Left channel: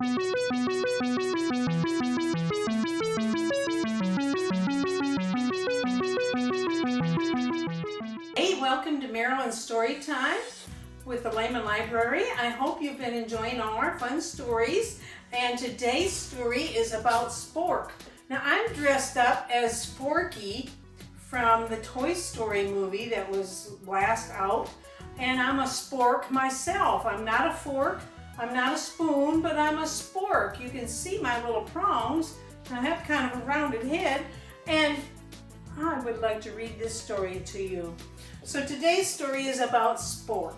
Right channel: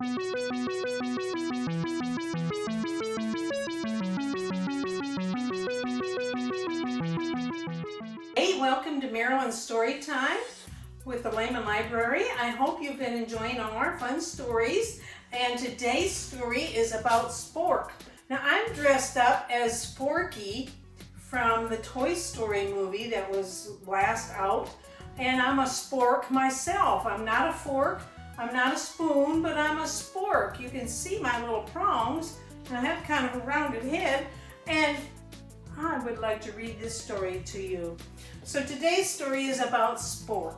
Hey, welcome to Marilyn's Story Time with the Layman Library. I hope you've been enjoying all our fun stories. And today's story is about Spork. Now, I'm dressed up as Sporky from the Toy Story movie that was last out. And I'm a spork myself. I'm not a fork, I'm not a spoon, but I'm a spork. You can see my little prongs. I have kind of a rounded head, and I would like to read this story to you. So today's story is about Spork.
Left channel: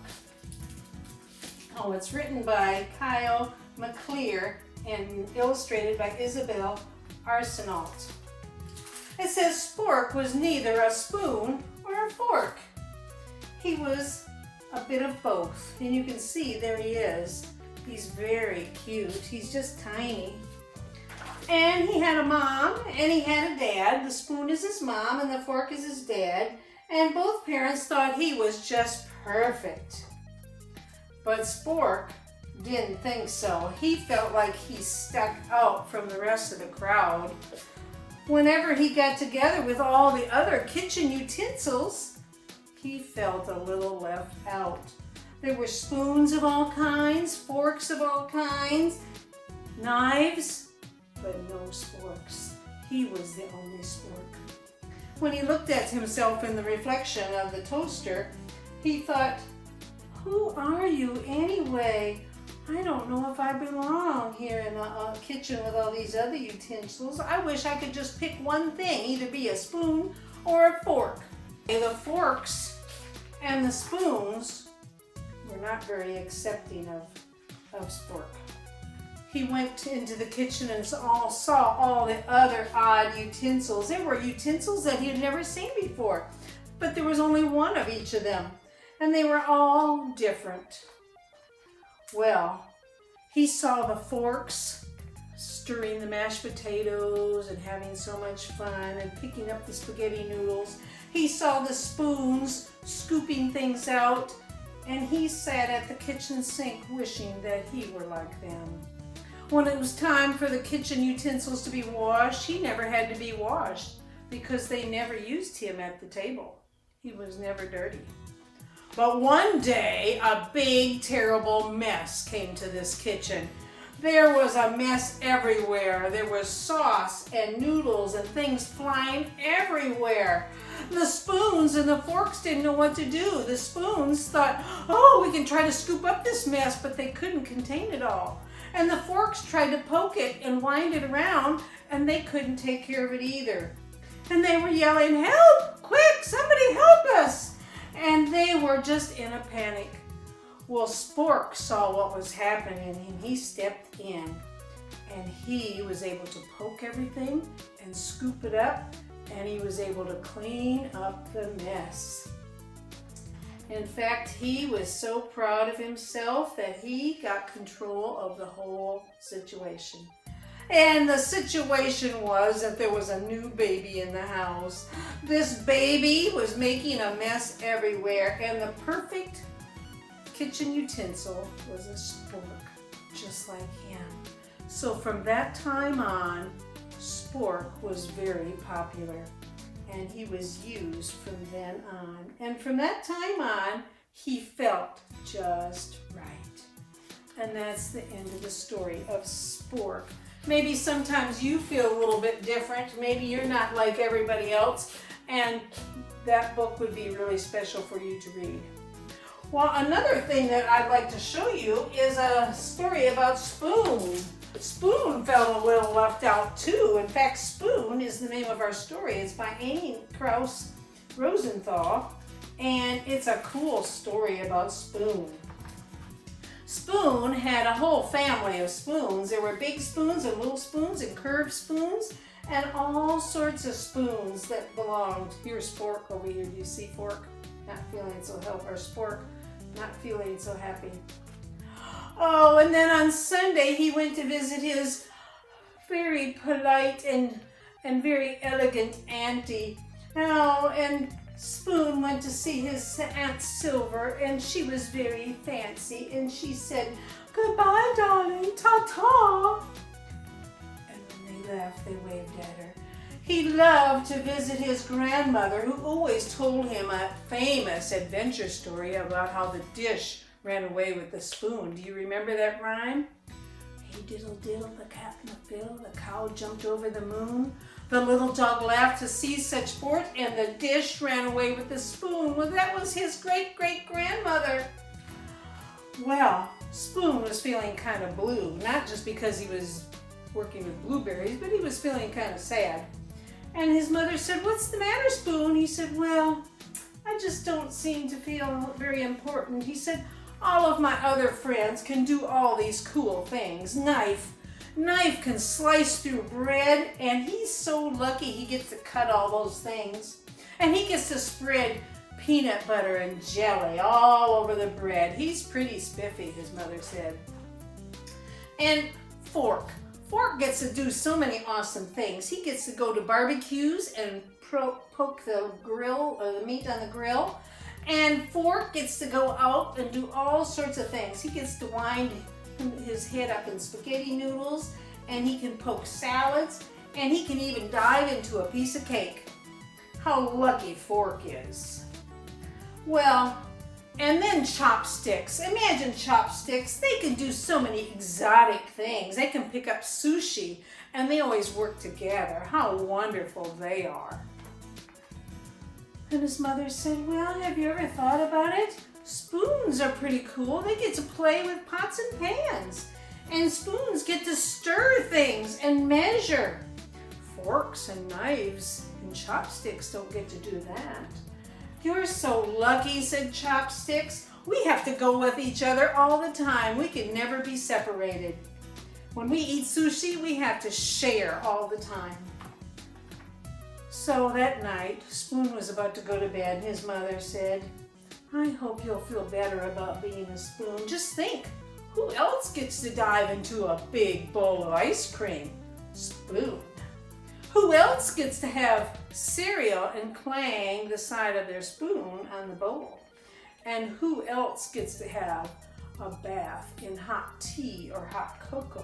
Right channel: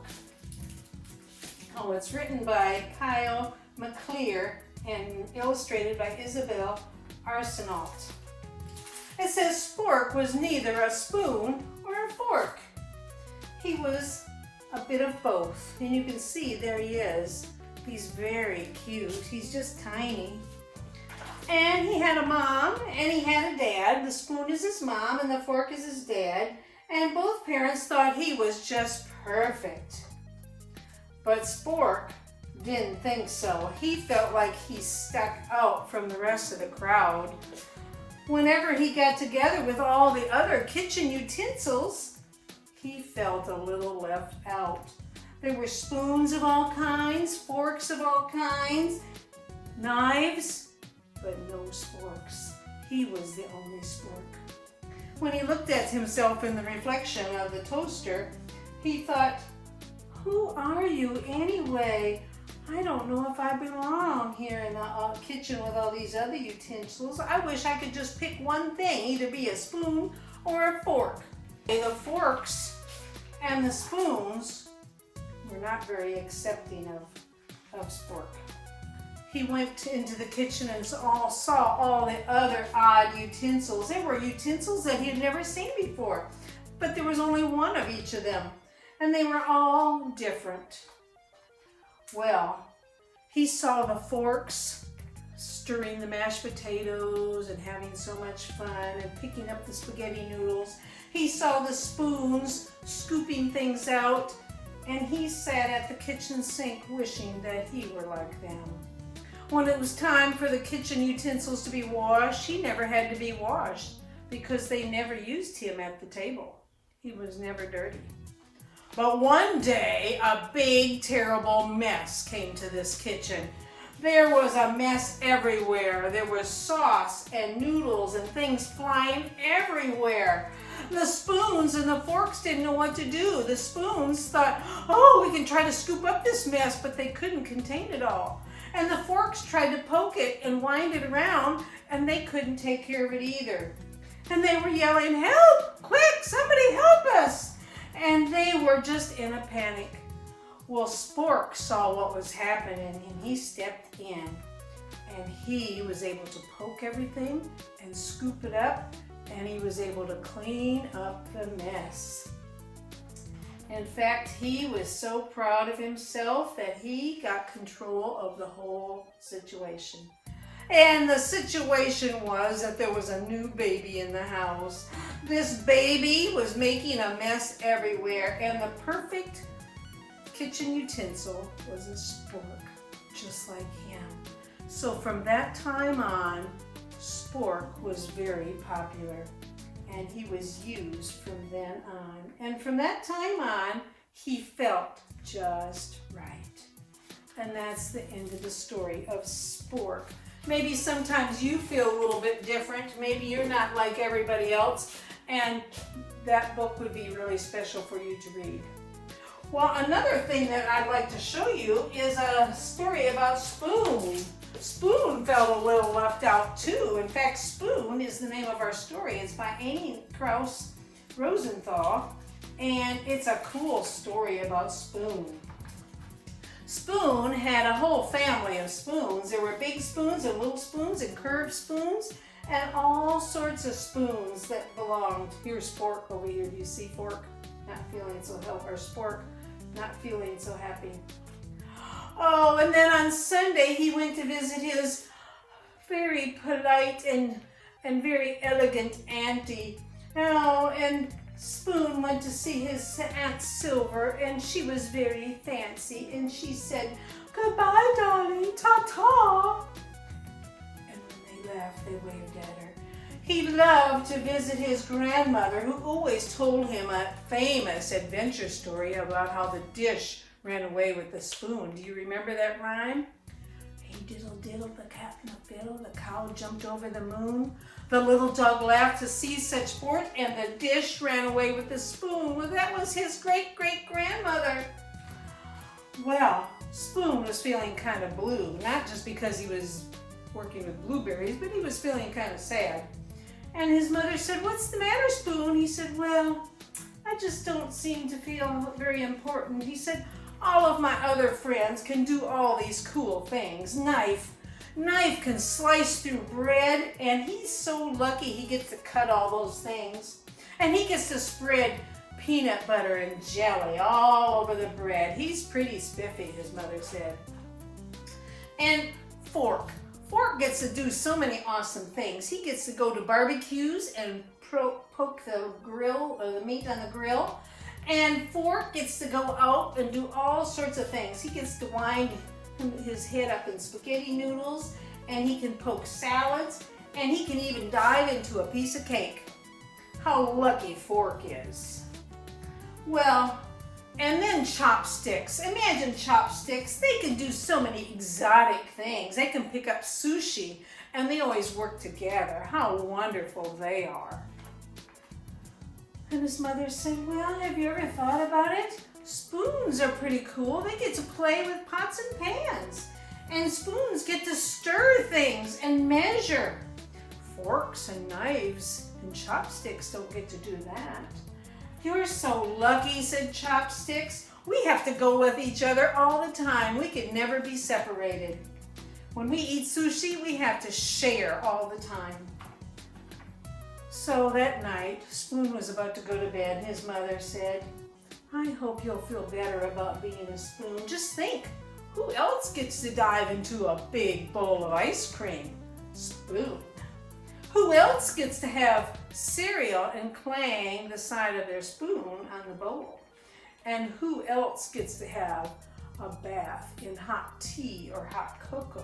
Oh, it's written by Kyle McClear and illustrated by Isabel Arsenault. It says Spork was neither a spoon or a fork. He was a bit of both, and you can see there he is. He's very cute. He's just tiny. And he had a mom and he had a dad. The spoon is his mom and the fork is his dad. And both parents thought he was just perfect. But Spork didn't think so. He felt like he stuck out from the rest of the crowd. Whenever he got together with all the other kitchen utensils, he felt a little left out. There were spoons of all kinds, forks of all kinds, knives, but no sporks. He was the only spork. When he looked at himself in the reflection of the toaster, he thought, who are you anyway? I don't know if I belong here in the kitchen with all these other utensils. I wish I could just pick one thing, either be a spoon or a fork. The forks and the spoons were not very accepting of Spork. He went into the kitchen and saw all the other odd utensils. There were utensils that he had never seen before, but there was only one of each of them, and they were all different. Well, he saw the forks stirring the mashed potatoes and having so much fun and picking up the spaghetti noodles. He saw the spoons scooping things out, and he sat at the kitchen sink wishing that he were like them. When it was time for the kitchen utensils to be washed, he never had to be washed because they never used him at the table. He was never dirty. But one day, a big, terrible mess came to this kitchen. There was a mess everywhere. There was sauce and noodles and things flying everywhere. The spoons and the forks didn't know what to do. The spoons thought, oh, we can try to scoop up this mess, but they couldn't contain it all. And the forks tried to poke it and wind it around, and they couldn't take care of it either. And they were yelling, help, quick, somebody help us. And they were just in a panic. Well, Spork saw what was happening, and he stepped in. And he was able to poke everything and scoop it up, and he was able to clean up the mess. In fact, he was so proud of himself that he got control of the whole situation. And the situation was that there was a new baby in the house. This baby was making a mess everywhere, and the perfect kitchen utensil was a spork, just like him. So from that time on, Spork was very popular, and he was used from then on. And from that time on, he felt just right. And that's the end of the story of Spork. Maybe sometimes you feel a little bit different. Maybe you're not like everybody else, and that book would be really special for you to read. Well, another thing that I'd like to show you is a story about Spoon. Spoon felt a little left out too. In fact, Spoon is the name of our story. It's by Amy Krauss Rosenthal, and it's a cool story about Spoon. Spoon had a whole family of spoons. There were big spoons and little spoons and curved spoons and all sorts of spoons that belonged. Here's Spork over here. Do you see Fork? Not feeling so help, or Spork not feeling so happy. Oh, and then on Sunday he went to visit his very polite and very elegant auntie. Oh, and Spoon went to see his Aunt Silver, and she was very fancy, and she said, "Goodbye, darling, ta-ta." Charlie waved at her. He loved to visit his grandmother, who always told him a famous adventure story about how the dish ran away with the spoon. Do you remember that rhyme? Hey diddle diddle, the cat in the fiddle, the cow jumped over the moon. The little dog laughed to see such sport, and the dish ran away with the spoon. Well, that was his great-great-grandmother. Well, Spoon was feeling kind of blue, not just because he was working with blueberries, but he was feeling kind of sad. And his mother said, "What's the matter, Spoon?" He said, "Well, I just don't seem to feel very important." He said, "All of my other friends can do all these cool things. Knife can slice through bread, and he's so lucky he gets to cut all those things. And he gets to spread peanut butter and jelly all over the bread. He's pretty spiffy," his mother said. And Fork gets to do so many awesome things. He gets to go to barbecues and poke the grill or the meat on the grill. And Fork gets to go out and do all sorts of things. He gets to wind his head up in spaghetti noodles, and he can poke salads, and he can even dive into a piece of cake. How lucky Fork is. Well, and then Chopsticks. Imagine Chopsticks. They can do so many exotic things. They can pick up sushi, and they always work together. How wonderful they are. And his mother said, "Well, have you ever thought about it? Spoons are pretty cool. They get to play with pots and pans. And spoons get to stir things and measure. Forks and knives and chopsticks don't get to do that." "You're so lucky," said Chopsticks. "We have to go with each other all the time. We can never be separated. When we eat sushi, we have to share all the time." So that night, Spoon was about to go to bed, and his mother said, "I hope you'll feel better about being a spoon. Just think, who else gets to dive into a big bowl of ice cream? Spoon. Who else gets to have cereal and clang the side of their spoon on the bowl? And who else gets to have a bath in hot tea or hot cocoa?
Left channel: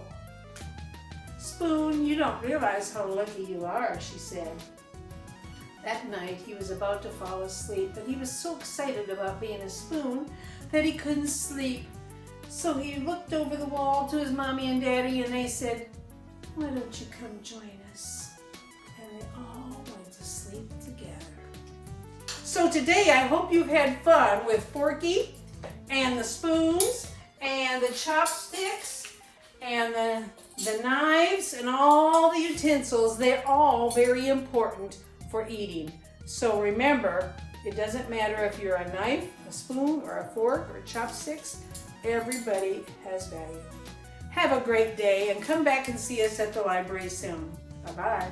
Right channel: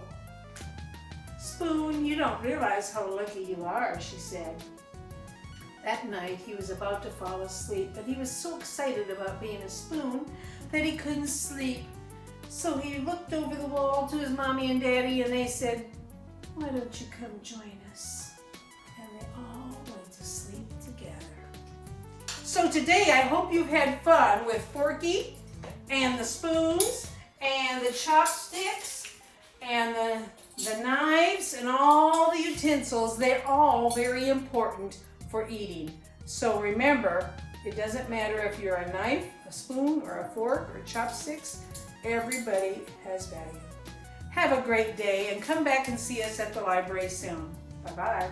Spoon, you don't realize how lucky you are," she said. That night he was about to fall asleep, but he was so excited about being a spoon that he couldn't sleep. So he looked over the wall to his mommy and daddy, and they said, "Why don't you come join us?" And they all went to sleep together. So today I hope you've had fun with Forky and the spoons and the chopsticks and the knives and all the utensils. They're all very important for eating. So remember, it doesn't matter if you're a knife, a spoon, or a fork, or chopsticks. Everybody has value. Have a great day, and come back and see us at the library soon. Bye-bye.